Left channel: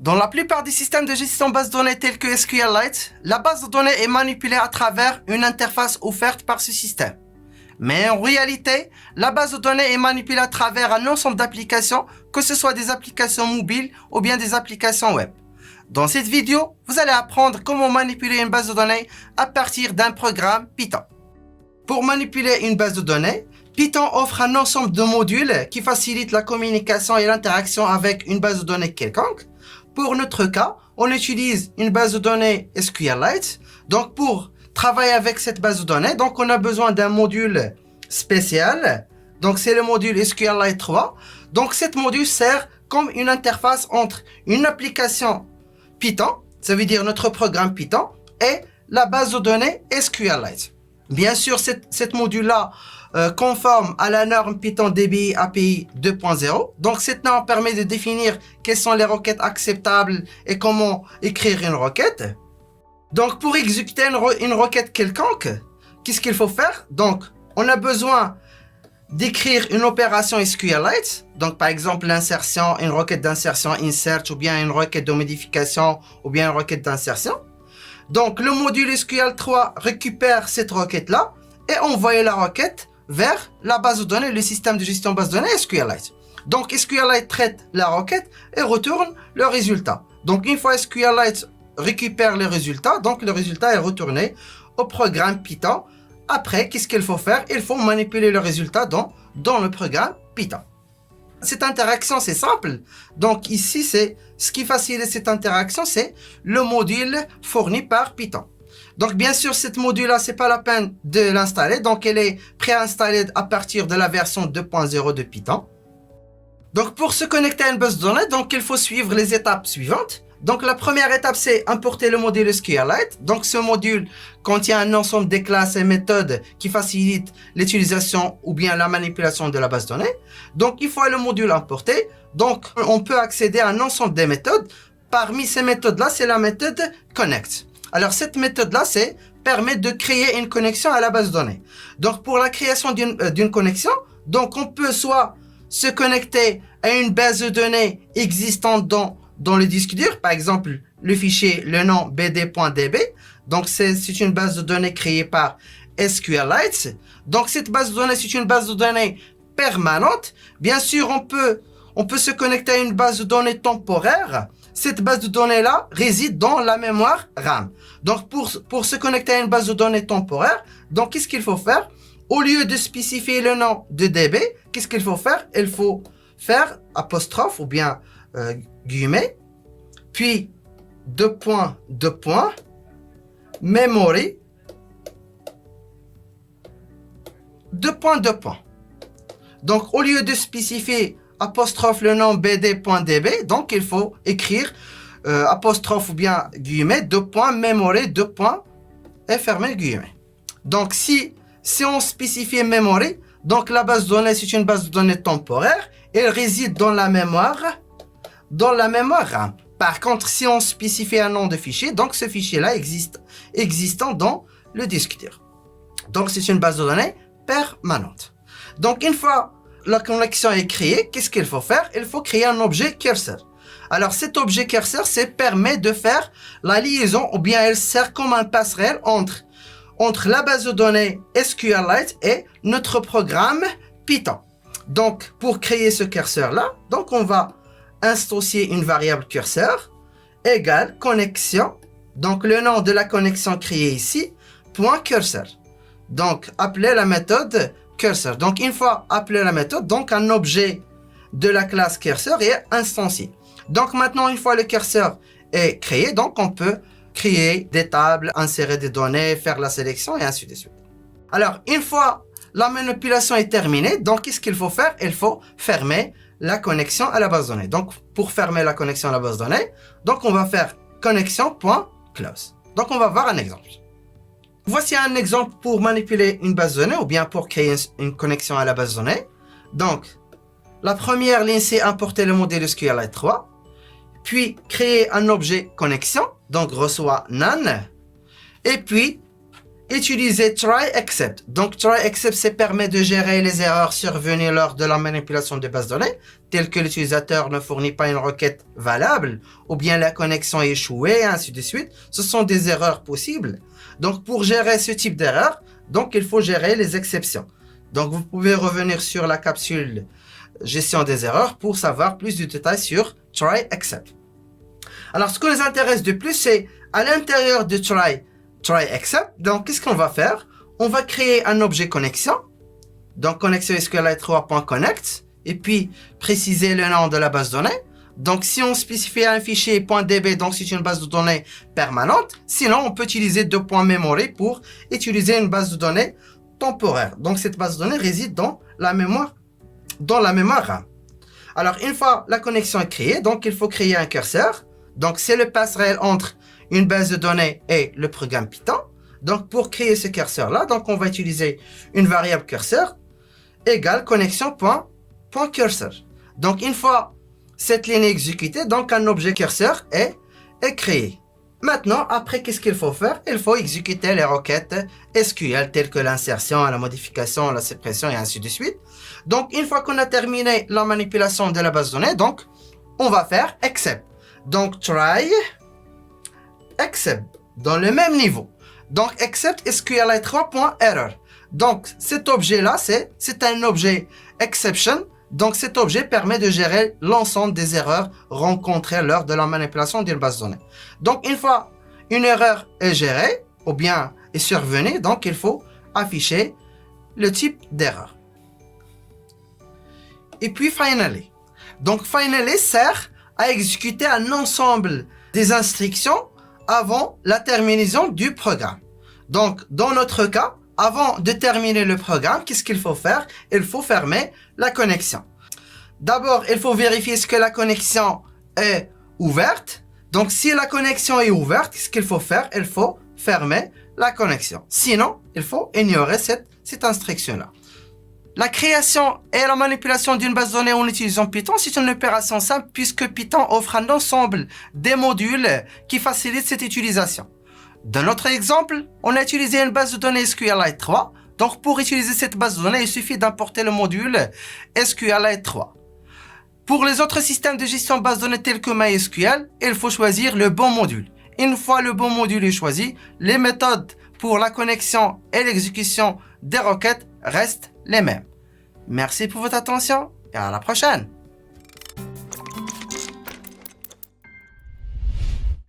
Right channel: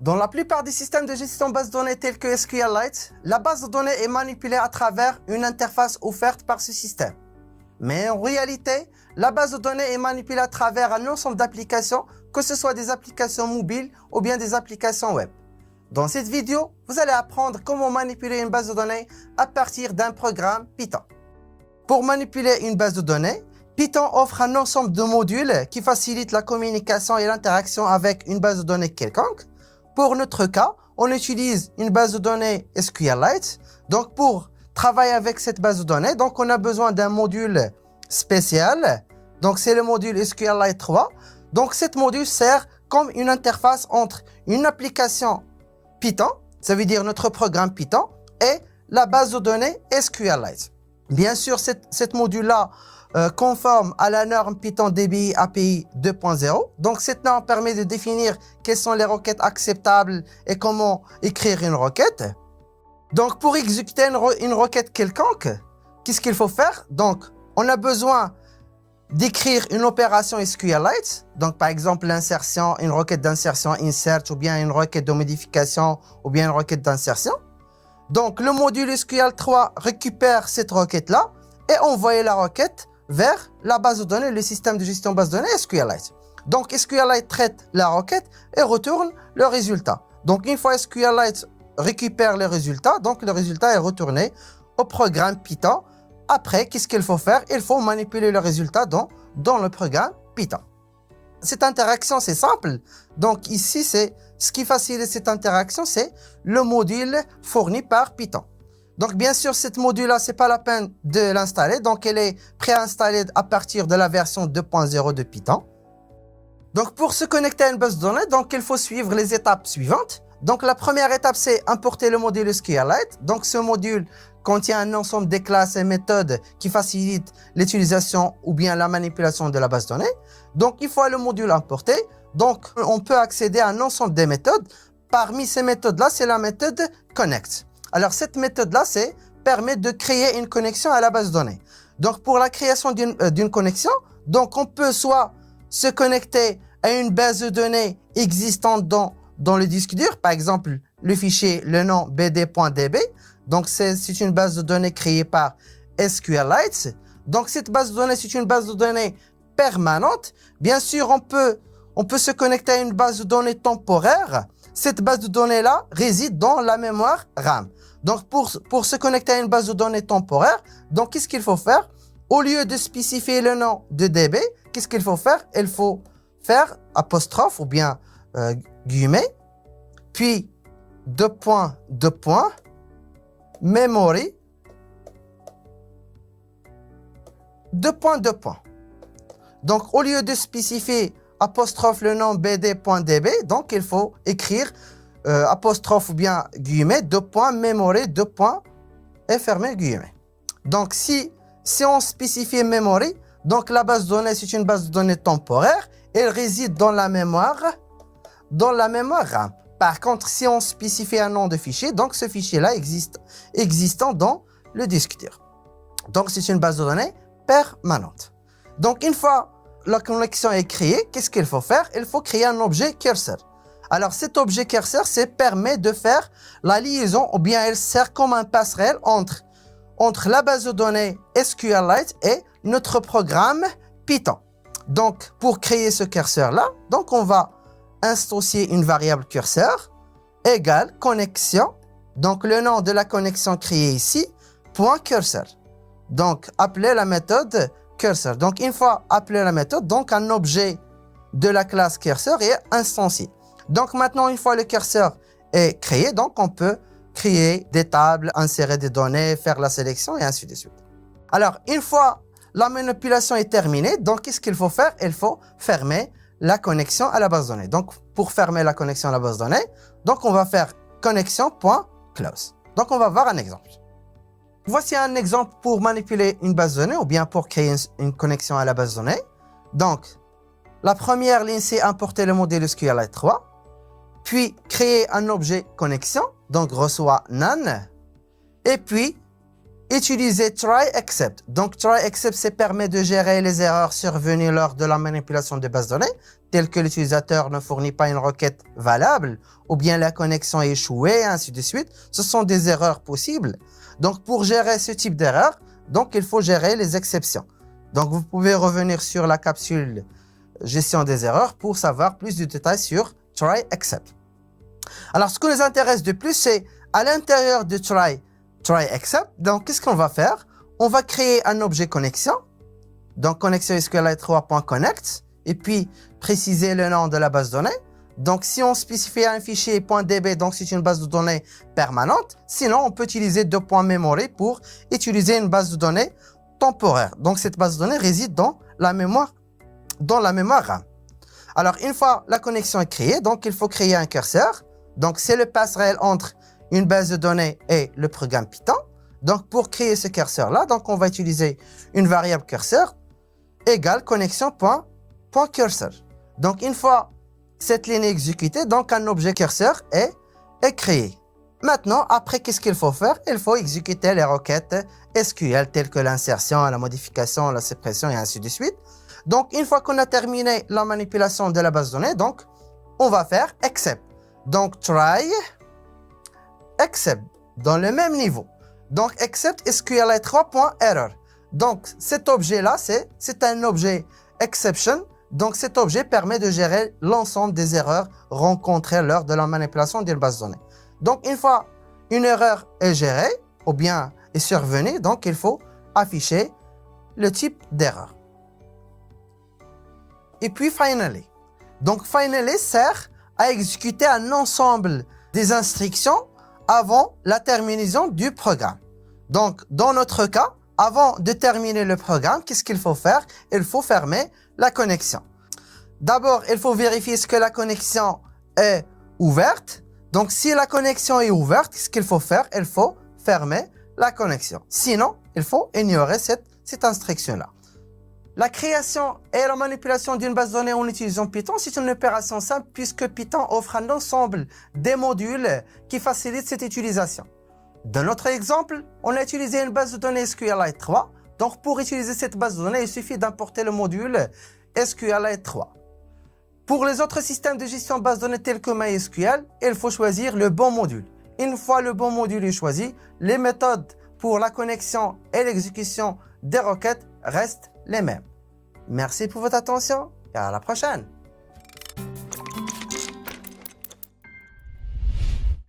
Dans la plupart des systèmes de gestion de base de données tels que SQLite, la base de données est manipulée à travers une interface offerte par ce système. Mais en réalité, la base de données est manipulée à travers un ensemble d'applications, que ce soit des applications mobiles ou bien des applications web. Dans cette vidéo, vous allez apprendre comment manipuler une base de données à partir d'un programme Python. Pour manipuler une base de données, Python offre un ensemble de modules qui facilitent la communication et l'interaction avec une base de données quelconque. Pour notre cas, on utilise une base de données SQLite. Donc pour travailler avec cette base de données, donc on a besoin d'un module spécial. Donc c'est le module SQLite 3. Donc cet module sert comme une interface entre une application Python, ça veut dire notre programme Python, et la base de données SQLite. Bien sûr, cette module-là conforme à la norme Python DBI API 2.0. Donc cette norme permet de définir quelles sont les requêtes acceptables et comment écrire une requête. Donc pour exécuter une requête quelconque, qu'est-ce qu'il faut faire? Donc on a besoin d'écrire une opération SQLite, donc par exemple l'insertion, une requête d'insertion insert, ou bien une requête de modification, ou bien une requête d'insertion. Donc le module SQL3 récupère cette requête-là et envoie la requête vers la base de données, le système de gestion de base de données SQLite. Donc SQLite traite la requête et retourne le résultat. Donc une fois SQLite récupère les résultats, donc le résultat est retourné au programme Python. Après, qu'est-ce qu'il faut faire? Il faut manipuler le résultat dans le programme Python. Cette interaction, c'est simple. Donc ici, ce qui facilite cette interaction, c'est le module fourni par Python. Donc bien sûr, cette module-là, ce n'est pas la peine de l'installer. Donc elle est préinstallée à partir de la version 2.0 de Python. Donc pour se connecter à une base de données, donc il faut suivre les étapes suivantes. Donc la première étape, c'est importer le module SQLite. Donc ce module contient un ensemble de classes et méthodes qui facilitent l'utilisation ou bien la manipulation de la base de données. Donc il faut le module importer. Donc on peut accéder à un ensemble de méthodes. Parmi ces méthodes-là, c'est la méthode connect. Alors cette méthode-là, permet de créer une connexion à la base de données. Donc pour la création d'une connexion, donc on peut soit se connecter à une base de données existante dans le disque dur, par exemple le fichier, le nom bd.db. Donc c'est une base de données créée par SQLite. Donc cette base de données, c'est une base de données permanente. Bien sûr, on peut se connecter à une base de données temporaire. Cette base de données-là réside dans la mémoire RAM. Donc pour se connecter à une base de données temporaire, donc qu'est-ce qu'il faut faire? Au lieu de spécifier le nom de DB, qu'est-ce qu'il faut faire? Il faut faire apostrophe ou bien guillemets, puis deux points, memory, deux points. Donc au lieu de spécifier apostrophe le nom bd.db, donc il faut écrire apostrophe ou bien guillemets, deux points, memory, deux points, et fermer guillemets. Donc si on spécifie memory, donc la base de données, c'est une base de données temporaire, elle réside dans la mémoire RAM. Par contre, si on spécifie un nom de fichier, donc ce fichier-là existant dans le disque dur. Donc c'est une base de données permanente. Donc une fois la connexion est créée, qu'est-ce qu'il faut faire? Il faut créer un objet cursor. Alors cet objet cursor, permet de faire la liaison, ou bien elle sert comme un passerelle entre la base de données SQLite et notre programme Python. Donc pour créer ce cursor-là, donc on va instancier une variable curseur égale connexion. Donc le nom de la connexion créée ici, point cursor. Donc appeler la méthode cursor. Donc une fois appelé la méthode, donc un objet de la classe cursor est instancié. Donc maintenant, une fois le curseur est créé, donc on peut créer des tables, insérer des données, faire la sélection et ainsi de suite. Alors une fois la manipulation est terminée, donc qu'est-ce qu'il faut faire? Il faut fermer la connexion à la base de données. Donc pour fermer la connexion à la base de données, donc on va faire connexion.close. Donc on va voir un exemple. Voici un exemple pour manipuler une base de données ou bien pour créer une connexion à la base de données. Donc la première ligne, c'est importer le modèle SQLite 3, puis créer un objet connexion, donc reçoit none, et puis utiliser try except. Donc try except, ça permet de gérer les erreurs survenues lors de la manipulation de base de données, telles que l'utilisateur ne fournit pas une requête valable, ou bien la connexion est échouée, et ainsi de suite. Ce sont des erreurs possibles. Donc pour gérer ce type d'erreur, donc il faut gérer les exceptions. Donc vous pouvez revenir sur la capsule gestion des erreurs pour savoir plus de détails sur try except. Alors ce qui nous intéresse de plus, c'est à l'intérieur de try except. Donc qu'est-ce qu'on va faire? On va créer un objet connexion. Donc connexion SQLite 3.connect et puis préciser le nom de la base de données. Donc si on spécifie un fichier .db, donc c'est une base de données permanente. Sinon on peut utiliser deux points memory pour utiliser une base de données temporaire. Donc cette base de données réside dans la mémoire RAM. Alors une fois la connexion est créée, donc il faut créer un curseur. Donc c'est le passerelle entre une base de données et le programme Python. Donc pour créer ce curseur là, donc on va utiliser une variable curseur égale connexion.cursor. Donc une fois cette ligne exécutée, donc un objet curseur est créé. Maintenant, après, qu'est-ce qu'il faut faire? Il faut exécuter les requêtes SQL telles que l'insertion, la modification, la suppression et ainsi de suite. Donc une fois qu'on a terminé la manipulation de la base de données, donc on va faire except. Donc try except dans le même niveau. Donc except SQLite 3.error. Donc cet objet là c'est un objet exception. Donc cet objet permet de gérer l'ensemble des erreurs rencontrées lors de la manipulation d'une base de données. Donc une fois une erreur est gérée ou bien est survenue, donc il faut afficher le type d'erreur. Et puis finally. Donc finally sert à exécuter un ensemble des instructions avant la terminaison du programme. Donc dans notre cas, avant de terminer le programme, qu'est-ce qu'il faut faire? Il faut fermer la connexion. D'abord, il faut vérifier ce que la connexion est ouverte. Donc si la connexion est ouverte, qu'est-ce qu'il faut faire? Il faut fermer la connexion. Sinon, il faut ignorer cette instruction-là. La création et la manipulation d'une base de données en utilisant Python, c'est une opération simple puisque Python offre un ensemble des modules qui facilitent cette utilisation. Dans notre exemple, on a utilisé une base de données SQLite 3. Donc pour utiliser cette base de données, il suffit d'importer le module SQLite 3. Pour les autres systèmes de gestion de base de données tels que MySQL, il faut choisir le bon module. Une fois le bon module est choisi, les méthodes pour la connexion et l'exécution des requêtes restent les mêmes. Merci pour votre attention et à la prochaine.